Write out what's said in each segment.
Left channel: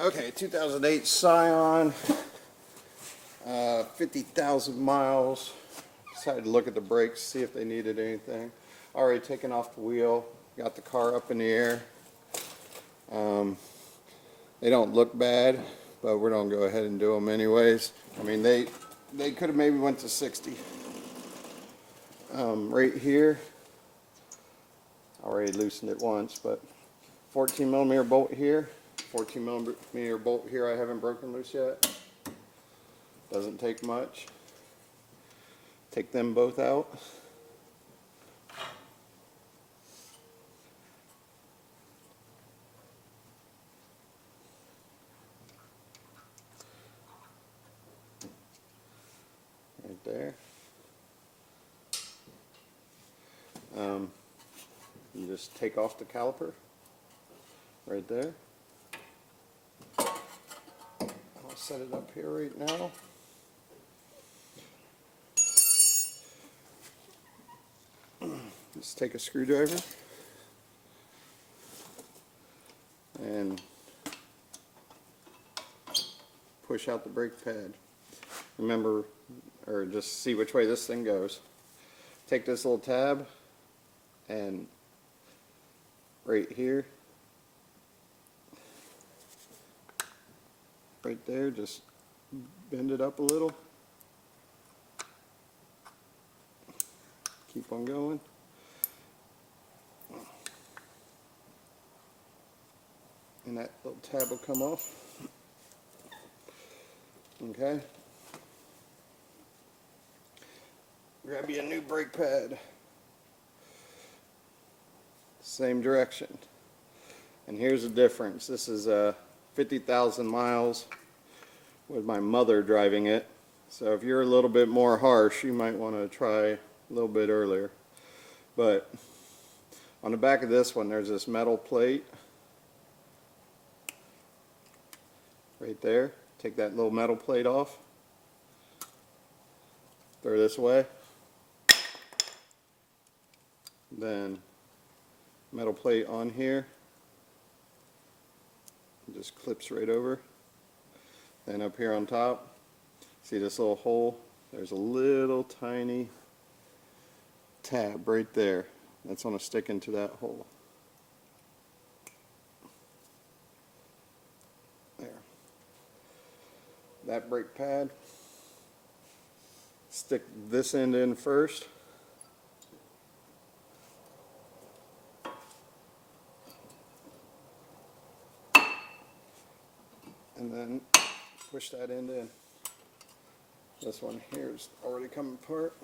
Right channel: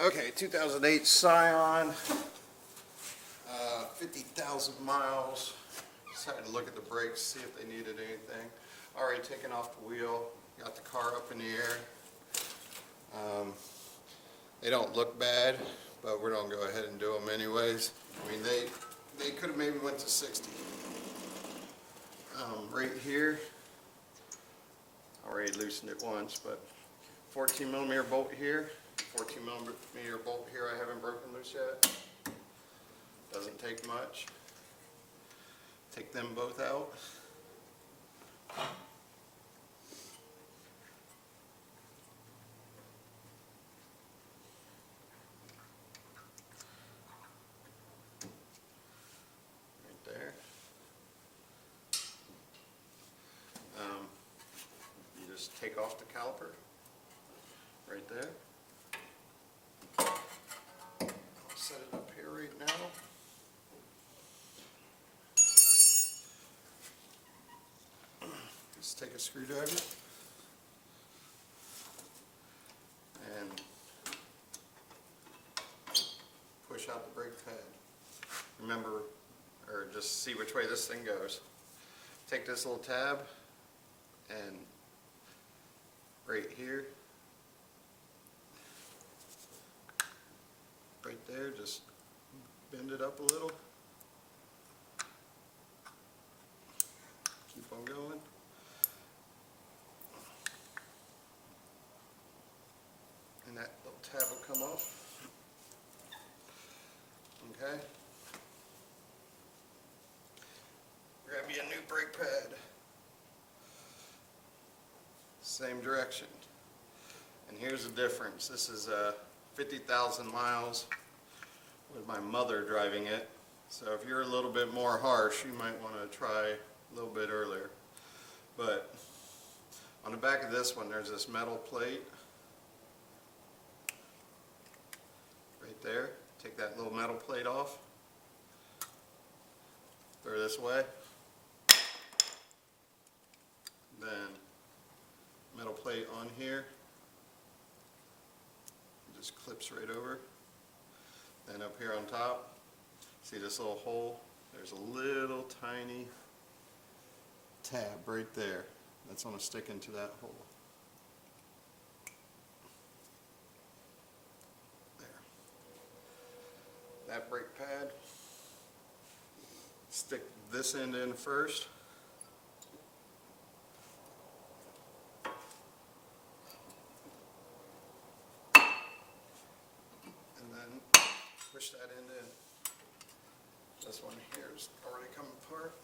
Okay, 2008 Scion, 50,000 miles. Decided to look at the brakes, see if they needed anything. Already taken off the wheel, got the car up in the air. They don't look bad, but we're gonna go ahead and do them anyways. I mean, they could have maybe went to 60. Right here, I already loosened it once, but 14 millimeter bolt here, 14 millimeter bolt here I haven't broken loose yet. Doesn't take much. Take them both out. Right there. You just take off the caliper right there. I'll set it up here right now. Just take a screwdriver and push out the brake pad. Remember, or just see which way this thing goes. Take this little tab and right here, right there, just bend it up a little. Keep on going. And that little tab will come off. Okay. Grab you a new brake pad. Same direction. And here's the difference. This is 50,000 miles with my mother driving it. So if you're a little bit more harsh, you might want to try a little bit earlier. But on the back of this one, there's this metal plate. Right there. Take that little metal plate off. Throw this away. Then metal plate on here. It just clips right over. Then up here on top, see this little hole? There's a little tiny tab right there. That's going to stick into that hole. There. That brake pad, stick this end in first. And then push that end in. This one here is already coming apart.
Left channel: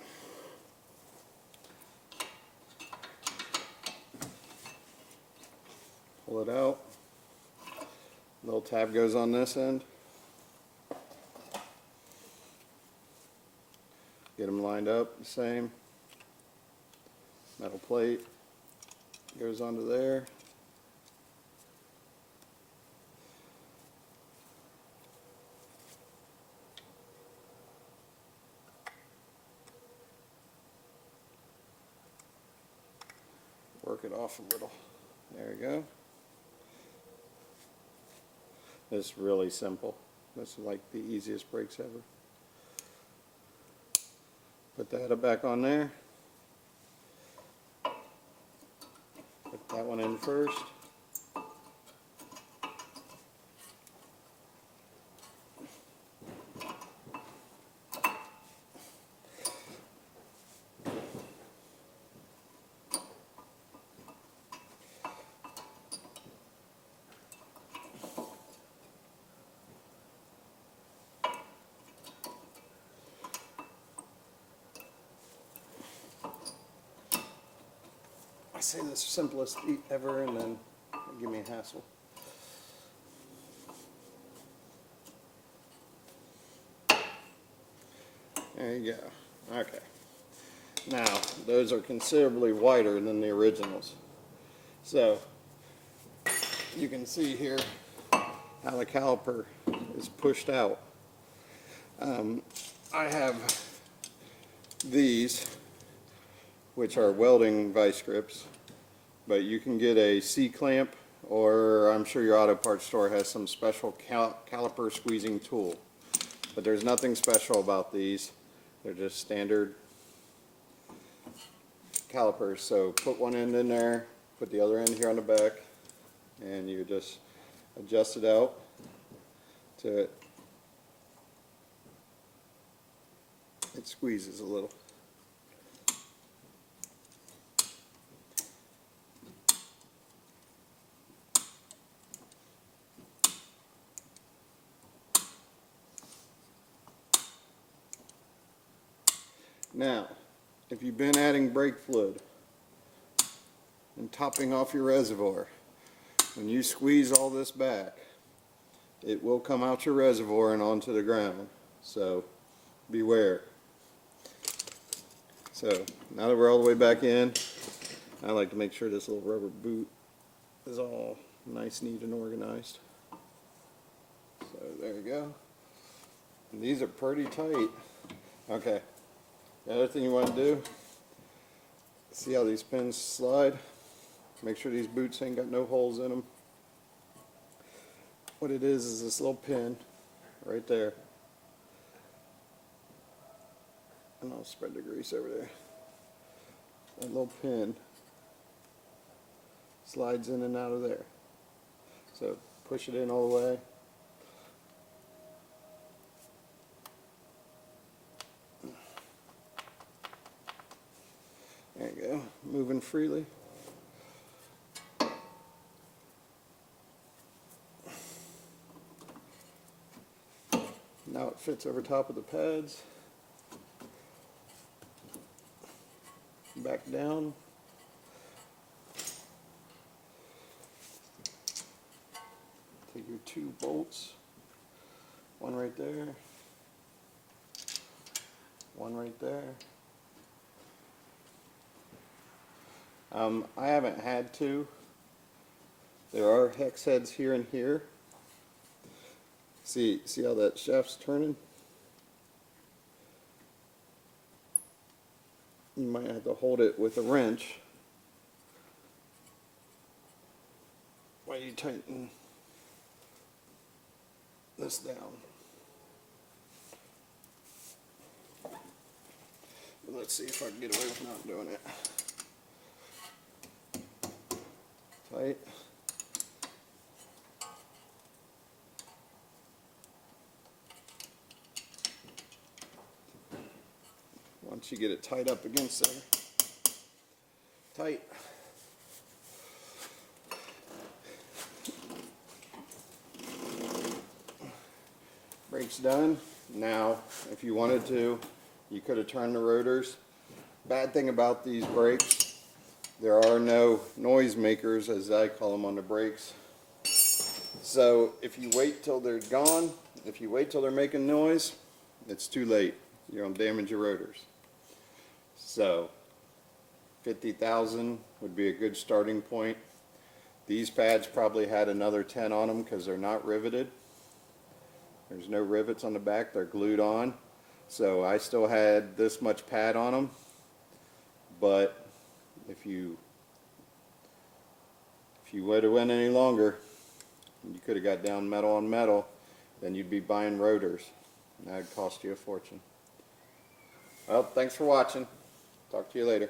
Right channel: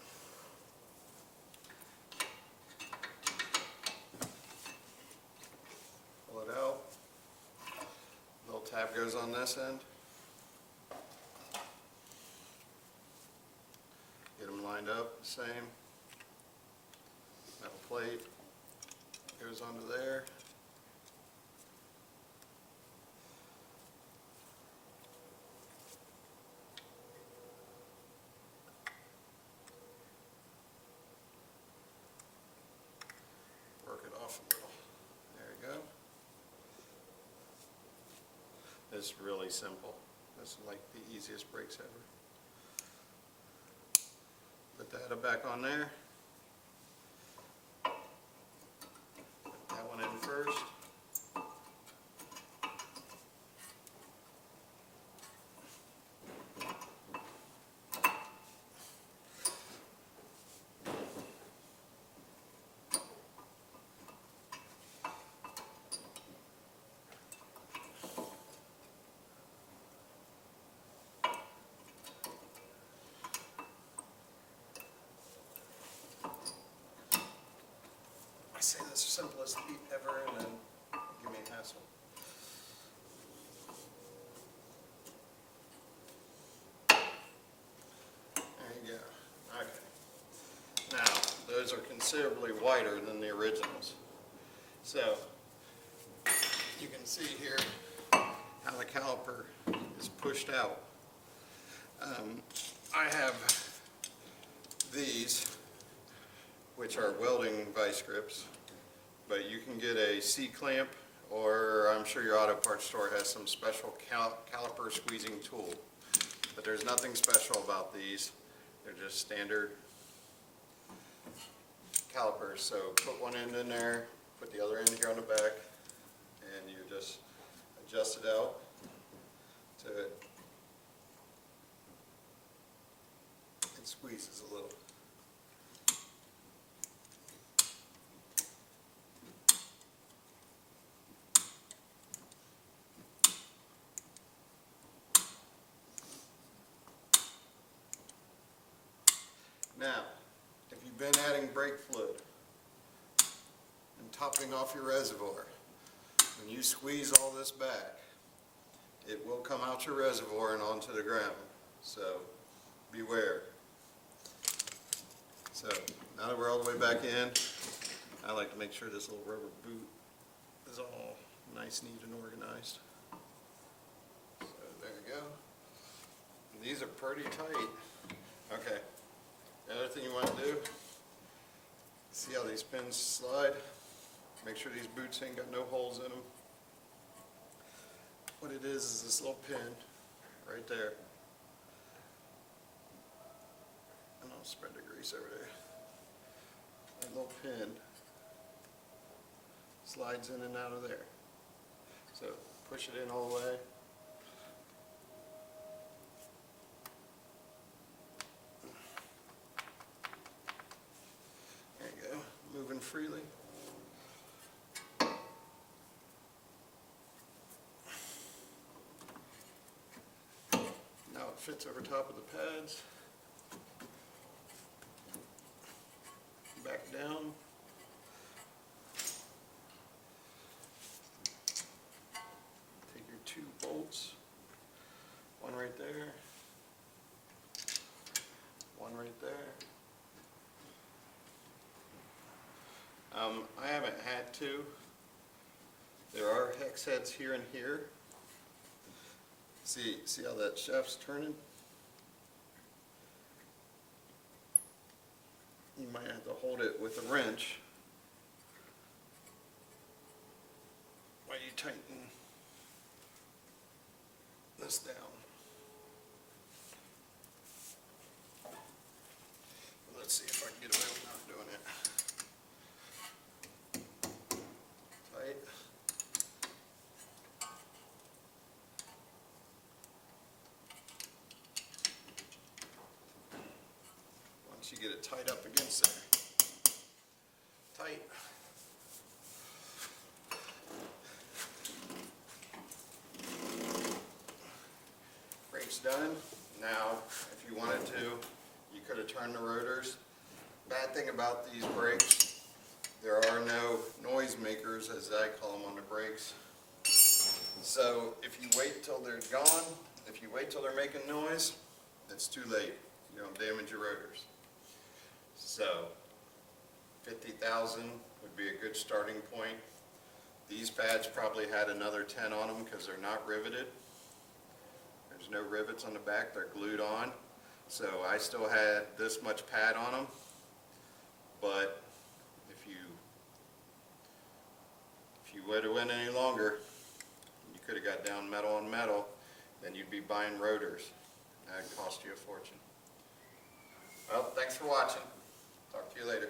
Pull it out. Little tab goes on this end. Get them lined up the same. Metal plate goes onto there. Work it off a little. There we go. It's really simple. This is like the easiest brakes ever. Put that back on there. Put that one in first. I say the simplest feat ever, and then give me a hassle. There you go. Okay. Now, those are considerably wider than the originals. So, you can see here how the caliper is pushed out. I have these, which are welding vice grips, but you can get a C-clamp or I'm sure your auto parts store has some special caliper squeezing tool. But there's nothing special about these. They're just standard calipers. So put one end in there, put the other end here on the back, and you just adjust it out to it squeezes a little. Now, if you've been adding brake fluid and topping off your reservoir, when you squeeze all this back, it will come out your reservoir and onto the ground. So beware. So now that we're all the way back in, I like to make sure this little rubber boot is all nice, neat, and organized. So there you go. And these are pretty tight. Okay. The other thing you want to do, see how these pins slide? Make sure these boots ain't got no holes in them. What it is this little pin right there. And I'll spread the grease over there. That little pin slides in and out of there. So push it in all the way. There you go, moving freely. Now it fits over top of the pads. Back down. Take your 2 bolts. One right there. One right there. I haven't had to. There are hex heads here and here. See how that shaft's turning? You might have to hold it with a wrench while you tighten this down. Let's see if I can get away with not doing it. Tight. Once you get it tied up against there, tight. Brake's done. Now, if you wanted to, you could have turned the rotors. Bad thing about these brakes, there are no noise makers, as I call them, on the brakes. So if you wait till they're gone, if you wait till they're making noise, it's too late. You're going to damage your rotors. So 50,000 would be a good starting point. These pads probably had another 10 on them because they're not riveted. There's no rivets on the back, they're glued on. So I still had this much pad on them, but if you would have went any longer, you could have got down metal on metal, then you'd be buying rotors. And that'd cost you a fortune. Well, thanks for watching. Talk to you later.